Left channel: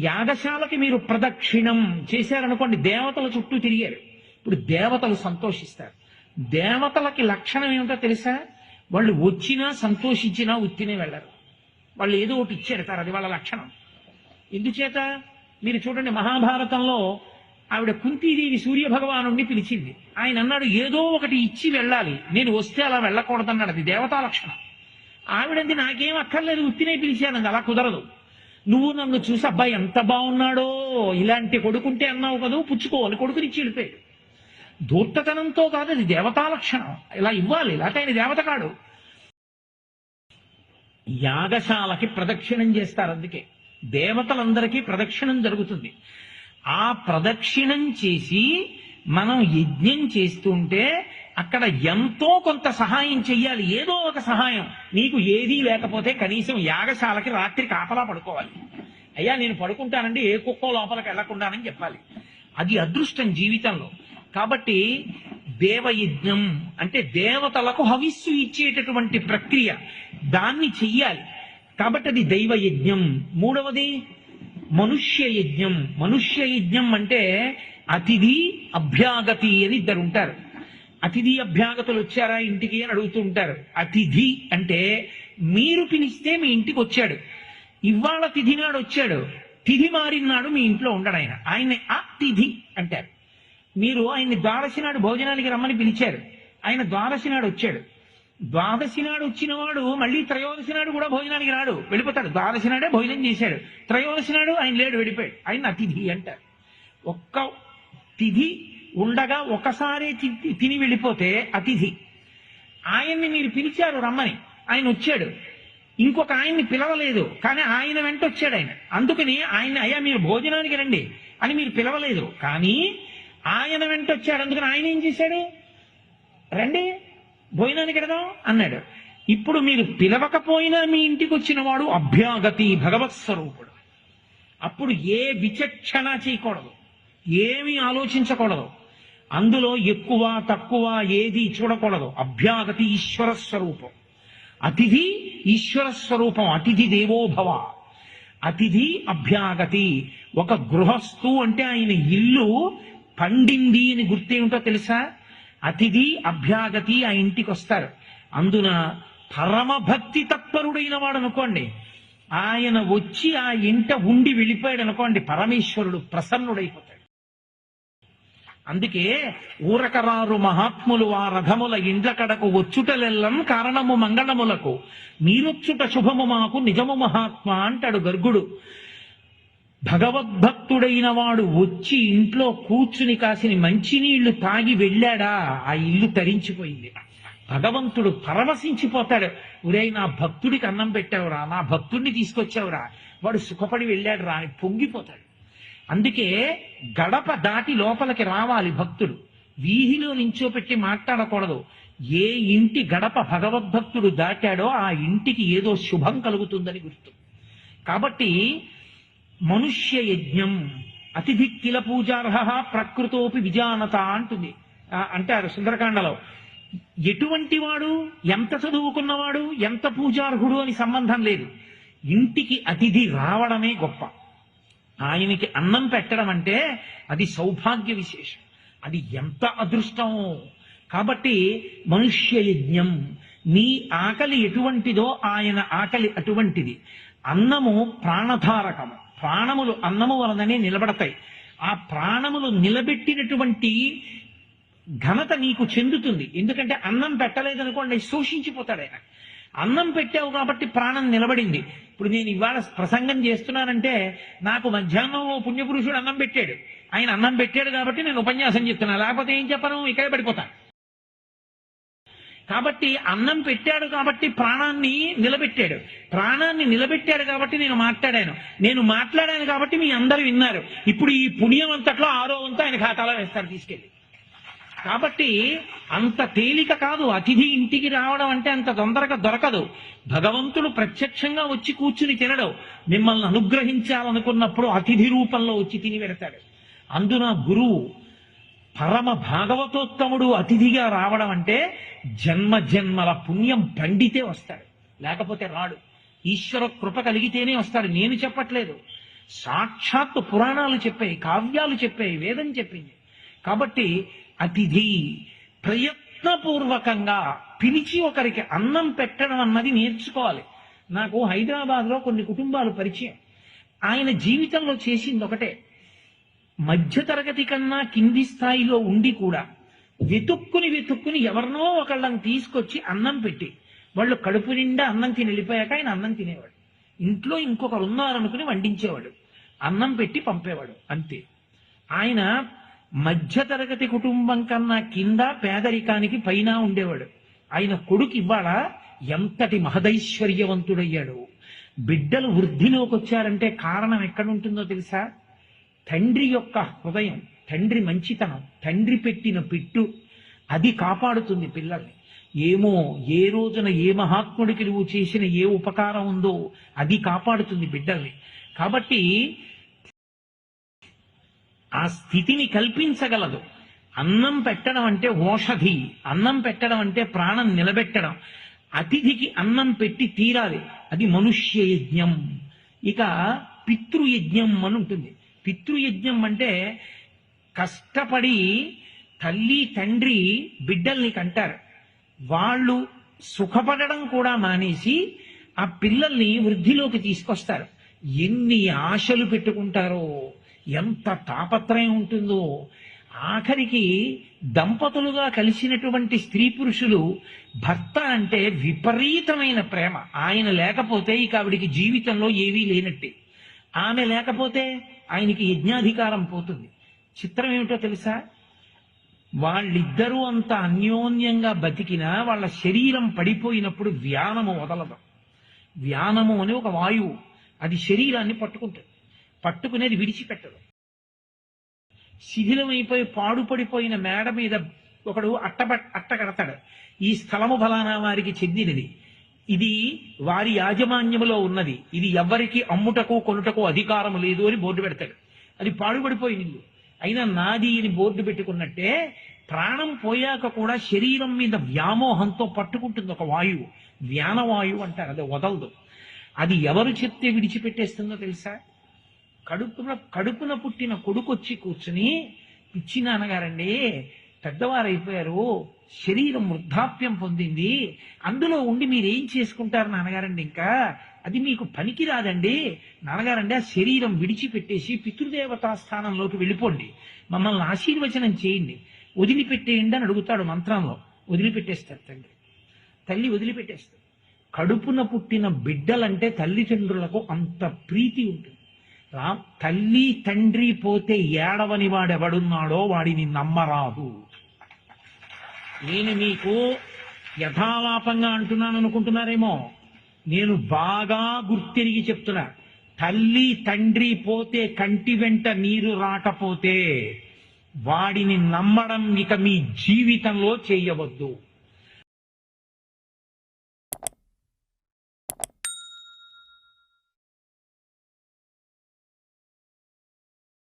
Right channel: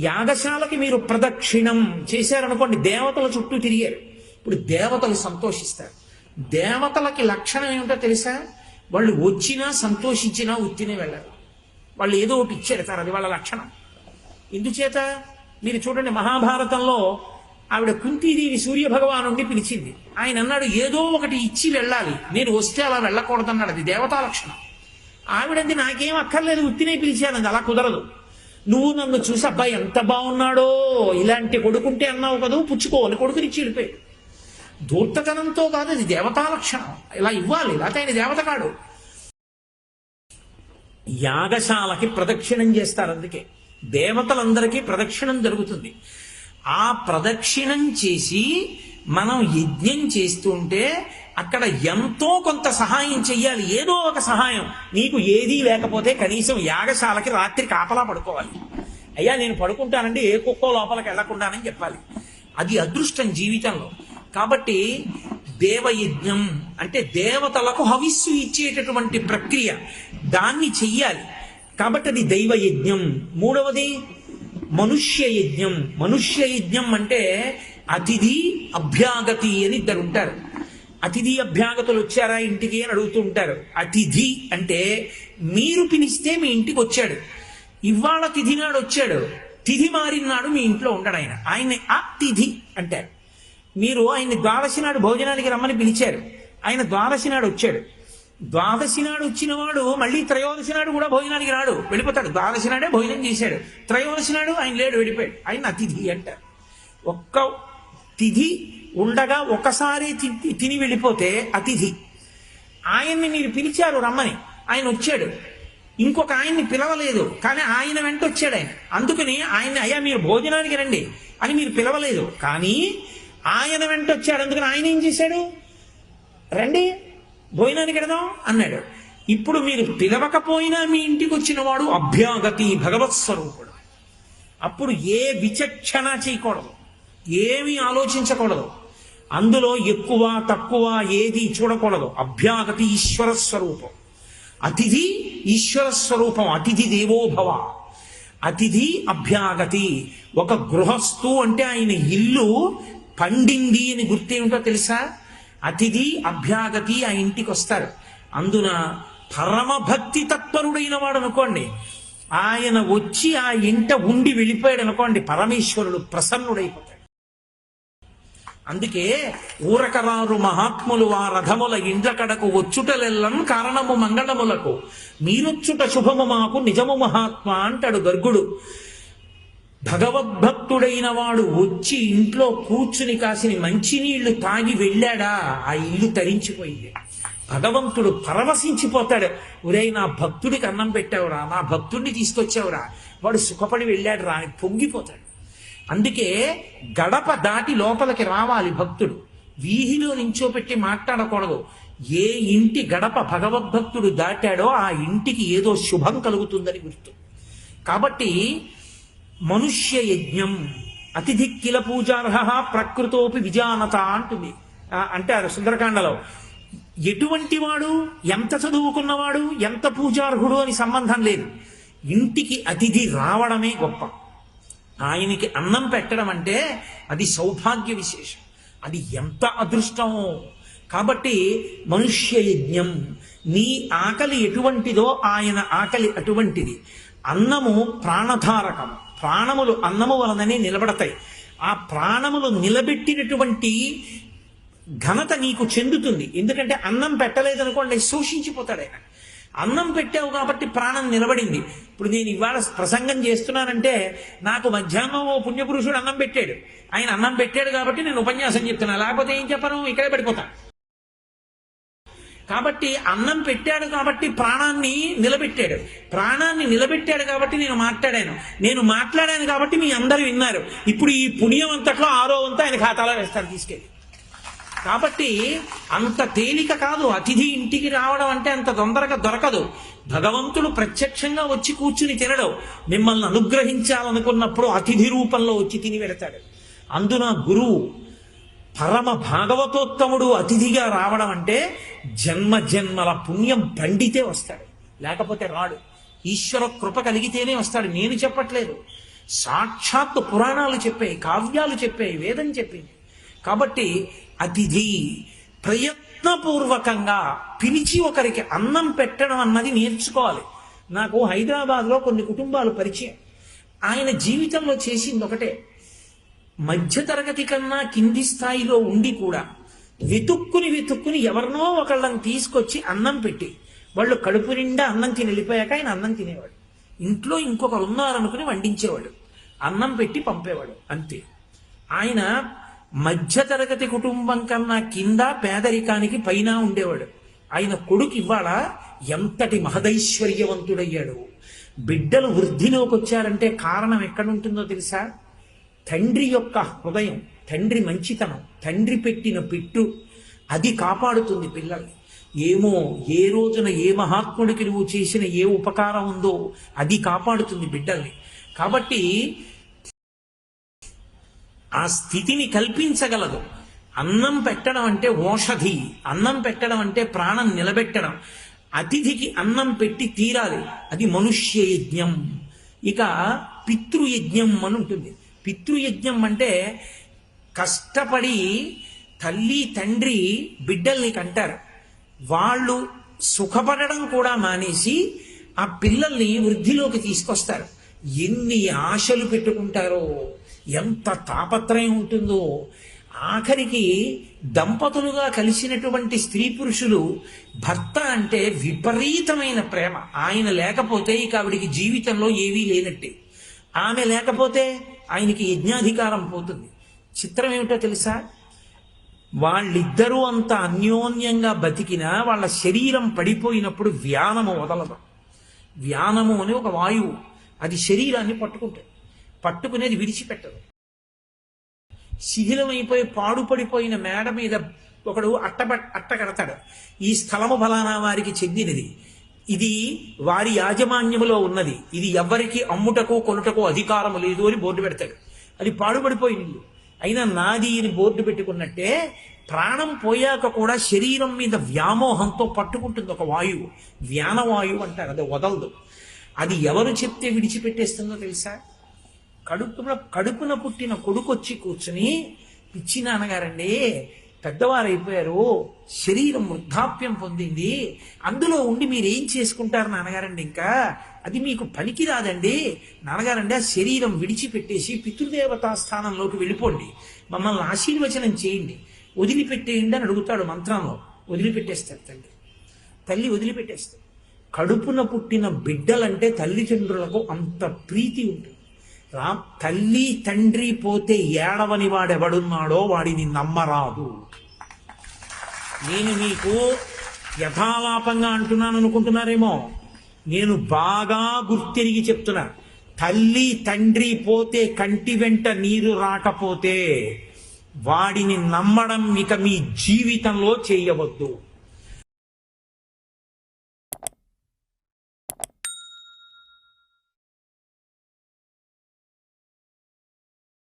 యాగశాలకి మీరు ప్రదక్షిణం చేశారనుకోండి దేవతల చుట్టూ తిరిగారు. ఇప్పుడు దేవతలు సంతోషిస్తారు. దేవతలకి లక్షణం ఏమిటో తెలుసా? వాళ్ళు వచ్చినా సంతోషించినా ఉత్తినే వెళ్ళరు. వాళ్ళు ఏదో ఒకటి సార్ అది వాళ్ళ లక్షణం. ఎందుచేత? మీరు చూడండి మహాభారతంలో ఆవిడ కుంతీదేవి సూర్య భగవానుడిని పిలిచింది. ఆయన అన్నాడు ఏదో ఒకటి ఇచ్చి వెళ్ళాలి. నేను వస్తే అలా వెళ్ళకూడదన్నాడు. అది దేవతా లక్షణం. ఆవిడంది నాకేం అక్కర్లేదు ఉత్తినే పిలిచాను. అలా కుదరదు. నువ్వు నన్ను చూసి అబ్బాయి ఎంత బాగున్నాడో ఇలాంటి కొడుకుంటే అన్నావు కదా పుచ్చుకోవాలి కొడుకుని కొడుకునిచ్చి వెళ్ళిపోయాడు. ధూర్తతనంతో కాదు అది దేవతా లక్షణం. ఇలా ఇవ్వాలి లేకపోతే ఆయన దేవత కాడు. యాగశాలకి ప్రదక్షిణం చేస్తారు అందుకే. దేవతలందరికీ ప్రదక్షిణం జరుగుతుంది. ఆ ప్రదక్షిణం చేసి మనం యజ్ఞం చేస్తుంటే అక్కడ ఎంతో కొంత సహాయం చెయ్యాలి. ఏదో ఒక సహాయం. నీకు ఏదీ లేకపోతే కనీసం యాగశాలకి రాత్రి కాపలా పడుకోవాలి. అయ్యా నేను పడుకుంటానండి ఏ కుక్క లోపలికి వెళ్ళకుండానని చెప్పాలి. అది అదృష్టం జీవితంలో. కాబట్టి దేవయజ్ఞం అంటే దేవతలకు హవిస్సు ఇచ్చేటటువంటి ప్రక్రియ. దాన్ని చెయ్యాలి. కాబట్టి అది దైవయజ్ఞం. మూడవది మనుష్య యజ్ఞం మనుష్య యజ్ఞం అంటే అతిథి అభ్యాగతి అని ఇద్దరు ఉంటారు. అతిథి అభ్యాగతులు వచ్చారా ఇంటికి అని అడుగుతూ ఉంటారు. అతిథి అంటే మీరు పిలిస్తే మీ ఇంటికి వచ్చాడు. ఇవాళ తిథి నాడు వచ్చాడు. తిథి మారినాడు మీ ఇంట్లో ఉండడు ఆయన. ఆయన అతిథి అంటారు. మీరు ఆయన్ని ద్వాదశి నాడు భోజనానికి రమ్మని పిలిచారు. ఆయన ద్వాదశి నాడు వచ్చాడు. ద్వాదశి నాడు వచ్చిన వాడు మళ్ళీ త్రయోదశి నాడు కూడా భోజనానికి రాడు. వెళ్ళిపోతాడు. ద్వాదశి నాడే భోజనం చేశాడు. త్రయోదశి నాడు ఆయన లేడు వెళ్ళిపోయాడు. ఆయన అతిథి అంటారు. ఒక్క తిథి ఉండగా ఒకసారి తి- తిని వెళ్ళిపోతే అతిథి. ఆయన్ని మీరు పిలిచారు రమ్మని. ఆయన వచ్చాడు. ఇంకొక ఆయన్ని పిలవలేదు. కానీ ఆయన వెంట వచ్చాడు ఆయన. అందుకని ఆయన అయ్యా మీరు భోజనానికి రండి అని మీరు పిలవలేదు. కానీ ఆయన వెంట వచ్చాడు. అందుకని ఆయన ఏం చేశాడు? రండి భోజనానికి వెడదాం అన్నాడు. ఇప్పుడు మీరు పిలవకపోయినా మీ ఇంటికి వచ్చిన వాడు అభ్యాగతి భగవత్ స్వరూపుడు. అప్పుడు ఏ విచక్షణ చేయకూడదు. ఏమీ ఆలోచించకూడదు. అందులో ఎక్కువ తక్కువ ఏది చూడకూడదు. అభ్యాగతి ఈశ్వర స్వరూపం అతిథి ఈశ్వర స్వరూపం అతిథి దేవోభవ. అతిథి అభ్యాగతి. ఒక గృహస్థు అంటే ఆయన ఇల్లు పండింది అని గుర్తేమిటో తెలుసా? అతిథి అభ్యాగతి ఆ ఇంటికి వస్తారు. అందున పరమభక్తి తత్పరుడైన వాడు అనుకోండి. ఆయన వచ్చి ఆ ఇంట ఉండి వెళ్ళిపోయాడు అనుకోండి. పరమేశ్వరుడు ప్రసన్నుడైపోతాడు. అందుకే ఊరకరారు మహాత్ములు ఆ రథముల ఇండ్లకడకు వచ్చుటలెల్లం కారణము మంగళములకు. మీరొచ్చుట శుభము మాకు నిజము మహాత్మ అంటాడు గర్గుడు. భగవద్భక్తుడైన వాడు వచ్చి ఇంట్లో కూర్చుని కాసిన మంచినీళ్ళు తాగి వెళ్ళాడా? ఆ ఇల్లు తరించిపోయింది. భగవంతుడు పరవశించిపోతాడు. ఒరేయ్ నా భక్తుడికి అన్నం పెట్టావురా నా భక్తుడిని తీసుకొచ్చావురా. వాడు సుఖపడి వెళ్ళాడు రా అని పొంగిపోతాడు. అందుకే గడప దాటి లోపలికి రావాలి భక్తుడు. వీధిలో నించోపెట్టి మాట్లాడకూడదు. ఏ ఇంటి గడప భగవద్భక్తుడు దాటాడో ఆ ఇంటికి ఏదో శుభం కలుగుతుందని గుర్తు. కాబట్టి మనుష్య యజ్ఞం అతిథి కిల పూజార్హ ప్రకృతోపి విజానత అంటుంది. అంటారు సుందరకాండలో. ఎటువంటి వాడు ఎంత చదువుకున్నవాడు ఎంత పూజార్హుడు అని సంబంధం లేదు. ఇంటికి అతిథి రావడమే గొప్ప. ఆయనకి అన్నం పెట్టడం అంటే అది సౌభాగ్య విశేషం. అది ఎంత అదృష్టమో. కాబట్టి మనుష్య యజ్ఞం నీ ఆకలి ఎటువంటిదో ఆయన ఆకలి అటువంటిది. అన్నము ప్రాణధారకము ప్రాణములు అన్నము వలననే నిలబడతాయి. ఆ ప్రాణములు నిలబెట్టినటువంటి ఘనత నీకు చెందుతుంది. ఎందుకంటే అన్నం పెట్టలేదనుకోండి శోషించిపోతాడు ఆయన. అన్నం పెట్టావు కాబట్టి ప్రాణం నిలబడింది. ఇప్పుడు నేను ఇవాళ ప్రసంగం చేస్తున్నానంటే నాకు మధ్యాహ్నం ఓ పుణ్యపురుషుడు అన్నం పెట్టాడు. ఆయన అన్నం పెట్టాడు కాబట్టి నేను ఉపన్యాసం చెప్తున్నా. లేకపోతే ఏం చెప్పను? ఇక్కడే పడిపోతా. కాబట్టి అన్నం పెట్టాడు కాబట్టి ప్రాణాన్ని నిలబెట్టాడు. ప్రాణాన్ని నిలబెట్టాడు కాబట్టి నేను మాట్లాడాను. నేను మాట్లాడాను కాబట్టి మీ అందరూ విన్నారు. ఇప్పుడు ఈ పుణ్యం అంతట్లో ఆరో వంతు ఆయన ఖాతాలో వేస్తారు తీసుకెళ్ళి కాబట్టి అంత తేలిక కాదు. అతిథి ఇంటికి రావడం అంటే అంత తొందరగా దొరకదు. భగవంతుడు ప్రత్యక్షంగా వచ్చి కూర్చుని తినడం. మిమ్మల్ని అనుగ్రహించాలనుకున్నప్పుడు అతిథి రూపంలో వచ్చి తిని పెడతాడు. అందున గురువు పరమ భాగవతోత్తముడు అతిథిగా రావడం అంటే జన్మ జన్మల పుణ్యం పండితే వస్తాడు. లేకపోతే రాడు. ఈశ్వర కృప కలిగితేనే వస్తాడు. నేను చెప్పట్లేదు. సాక్షాత్తు పురాణాలు చెప్పాయి కావ్యాలు చెప్పాయి వేదం చెప్పింది. కాబట్టి అతిథి ప్రయత్నపూర్వకంగా పిలిచి ఒకరికి అన్నం పెట్టడం అన్నది నేర్చుకోవాలి. నాకు హైదరాబాద్లో కొన్ని కుటుంబాలు పరిచయం. ఆయన జీవితంలో చేసింది ఒకటే. మధ్యతరగతి కన్నా కింది స్థాయిలో ఉండి కూడా వెతుక్కుని వెతుక్కుని ఎవరినో ఒకళ్ళని తీసుకొచ్చి అన్నం పెట్టి వాళ్ళు కడుపు నిండా అన్నం తిని వెళ్ళిపోయాక ఆయన అన్నం తినేవాడు. ఇంట్లో ఇంకొకరు ఉన్నారనుకుని వండించేవాడు అన్నం పెట్టి పంపేవాడు. అంతే. ఆయన మధ్యతరగతి కుటుంబం కన్నా కింద పేదరికానికి పైన ఉండేవాడు. ఆయన కొడుకు ఇవాళ ఎంతటి మహదైశ్వర్యవంతుడయ్యాడు. బిడ్డలు వృద్ధిలోకి వచ్చారంటే కారణం ఎక్కడుంటుందో తెలుసా? తండ్రి యొక్క హృదయం తండ్రి మంచితనం తండ్రి పెట్టిన పెట్టు అది కాపాడుతుంది పిల్లల్ని. ఏమో ఏ రోజున ఏ మహాత్ముడికి నువ్వు చేసిన ఏ ఉపకారం ఉందో అది కాపాడుతుంది బిడ్డల్ని. కాబట్టి ఆ స్థితిని కల్పించగలదు. అన్నం పెట్టడం అంటే ఓషధి. అన్నం పెట్టడం అంటే ప్రాణం నిలబెట్టడం. అతిథికి అన్నం పెట్టి తీరాలి. అది మనుష్య యజ్ఞం ఇక పితృయజ్ఞం అని ఉంటుంది. పితృయజ్ఞం అంటే కష్టపడి తల్లి తండ్రి బిడ్డల్ని కంటారు. వాళ్ళు సుఖపడడం కూడా మానేసి ఆ పిల్లల్ని వృద్ధిలోకి తీసుకొస్తారు. ఎన్ని ఆశలు పెట్టుకుంటారో. ఎంత తాపత్రయం ఉంటుందో. ఆఖరికి దంపతులుగా కలిసినటువంటి స్త్రీ పురుషులు భర్త అంటే విపరీతమైన ప్రేమ. ఆయన లేకపోతే ఇక ఆవిడికి జీవితంలో ఏవీ లేనట్టే. ఆమె లేకపోతే ఆయనకి యజ్ఞాధికారం పోతుంది. చిత్రం ఏమిటో తెలుసా? వాళ్ళిద్దరూ అంత అన్యోన్యంగా బతికినా వాళ్ళ శరీరం పడిపోయినప్పుడు వ్యానము వదలదు. వ్యానము అని ఒక వాయువు. అది శరీరాన్ని పట్టుకుంటుంది. పట్టుకునేది విడిచిపెట్టదు. శిథిలమైపోయి పాడుపడిపోయిన మేడ మీద ఒకడు అట్ట అట్ట కడతాడు. ఈ స్థలము ఫలానా వారికి చెందినది. ఇది వారి యాజమాన్యములో ఉన్నది. ఇది ఎవ్వరికి అమ్ముటకు కొనుటకు అధికారం లేదు అని బోర్డు పెడతాడు. అది పాడుపడిపోయిన ఇల్లు అయినా నాది అని బోర్డు పెట్టుకున్నట్టే ప్రాణం పోయాక కూడా శరీరం మీద వ్యామోహంతో పట్టుకుంటుంది ఒక వాయువు. వ్యానవాయువు అంటారు. అది వదలదు. అది ఎవరు చెప్తే విడిచిపెట్టేస్తుందో తెలుసా? కడుపున కడుపున పుట్టిన కొడుకొచ్చి కూర్చుని పిచ్చి నాన్నగారండి పెద్దవారైపోయారు శరీరం వృద్ధాప్యం పొందింది అందులో ఉండి మీరు ఏం చేసుకుంటారు నాన్నగారండి ఇంకా? అది మీకు పనికి రాదండి నాన్నగారండి ఆ శరీరం విడిచిపెట్టేసి పితృదేవతా స్థానంలోకి వెళ్ళిపోండి. మమ్మల్ని ఆశీర్వచనం చేయండి. వదిలిపెట్టేయండి అని అడుగుతాడు మంత్రంలో. వదిలిపెట్టేస్తారు తండ్రి తల్లి వదిలిపెట్టేస్తారు కడుపున పుట్టిన బిడ్డలంటే తల్లిదండ్రులకు అంత ప్రీతి ఉంటుంది. రా తల్లి తండ్రి పోతే ఏడవని వాడెవడున్నాడో వాడిని నమ్మరాదు. నేను మీకు యథాలాపంగా అంటున్నాను అనుకుంటున్నారేమో? నేను బాగా గుర్తిరిగి చెప్తున్నాను తల్లి తండ్రి పోతే కంటి వెంట నీరు రాకపోతే వాడిని నమ్మడం ఇక మీ జీవితంలో చేయవద్దు.